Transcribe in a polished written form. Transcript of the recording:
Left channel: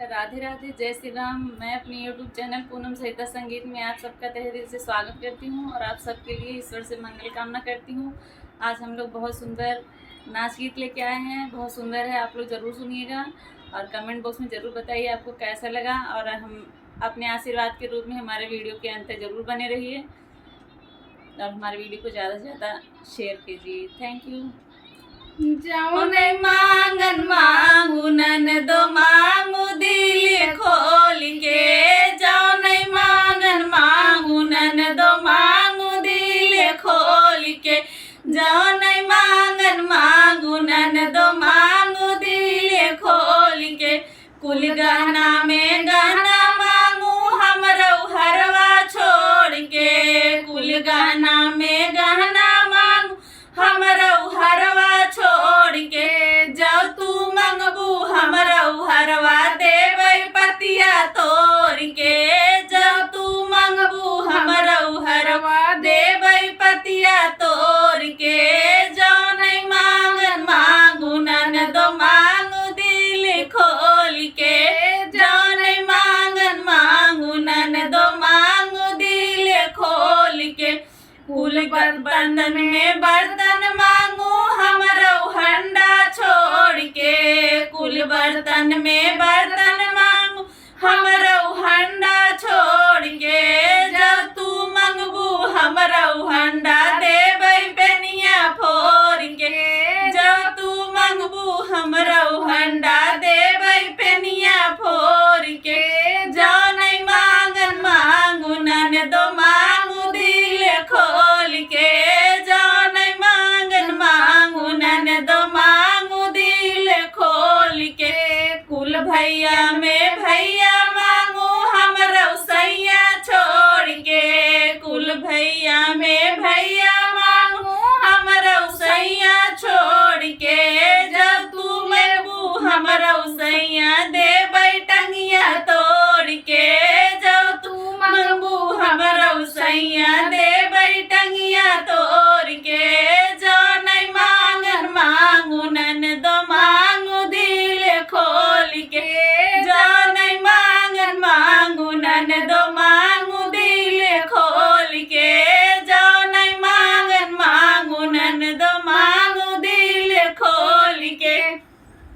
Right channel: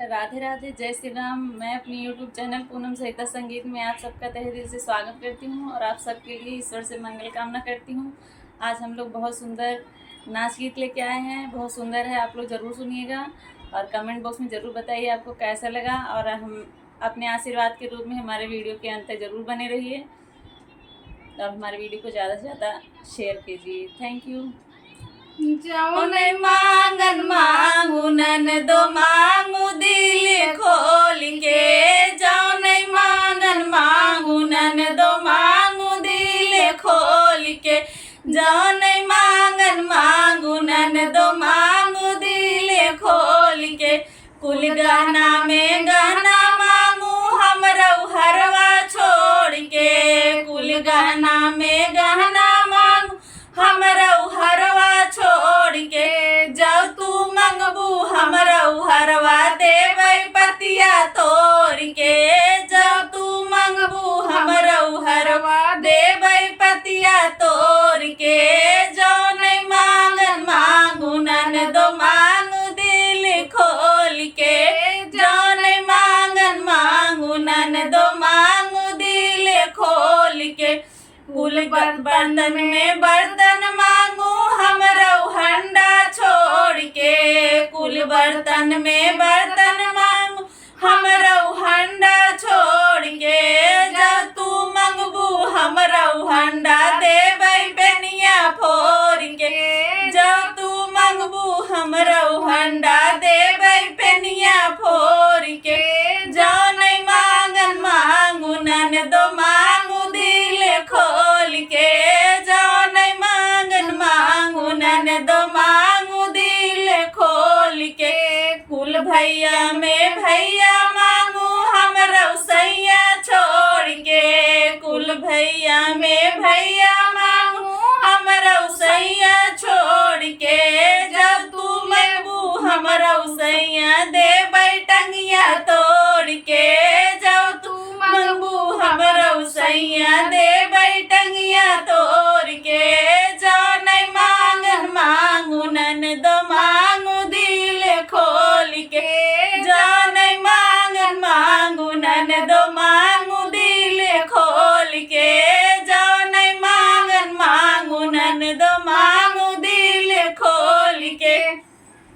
राधे राधे, जय श्री राम। मैं अपने यूट्यूब चैनल पूनम सहिता संगीत में आप सबका तहे दिल से स्वागत करती हूँ और आप सबके लिए ईश्वर से मंगल कामना करती हूँ। आज हम लोग बहुत सुंदर नाच गीत लेके आए हैं, बहुत सुंदर है, आप लोग ज़रूर सुनिएगा और कमेंट बॉक्स में ज़रूर बताइए आपको कैसा लगा। और हम अपने आशीर्वाद के रूप में हमारे वीडियो के अंत तक ज़रूर बने रहिए और हमारे वीडियो को ज़्यादा से ज़्यादा शेयर कीजिए। Thank you. जौन मांगन मांगू ननदो मांगू दिल खोल के, जौन मांगन मांगू ननदो मांगू दिल खोल के, जौन मांगन मांगू ननदो मांगू दिल खोल के। कुल गहना में गहना मांगू हमरो हरवा छोड़ के, कुल गहना में गहना मांगू हमरो हरवा छोड़ के। जब तू मंगबू हमरो हरवा देबै पतिया तोड़ के, जब तू मंगबू हमरो हरवा देबै पतिया तोड़ के। जौन मांगन मांगू ननदो मांगू दिल खोल के, जौन मांगन मांगू ननदो मांगू दिल खोल के। कुल बर्तन में बर्तन मांगू हमरो हंडा छोड़ के, कुल बर्तन में बर्तन मांगू हमरो हंडा छोड़ के। जब तू मंगबू हमरो हंडा देबै पेनिया फोड़ के, जब तू मंगबू हमरो हंडा देबै पेनिया फोड़ के। जौन मांगन मांगू ननदो मांगू दिल खोल के, जौन मांगन मांगू ननदो मांगू दिल खोल के। कुल भैया में भैया मांगू हमरो सैया छोड़ के, कुल भैया में भैया मांगू हमरो सैया छोड़ के। जब तू मंगबू हमरो सैया देबै टंगिया तोड़ के, जब तू मंगबू हमरो सैया देबै टंगिया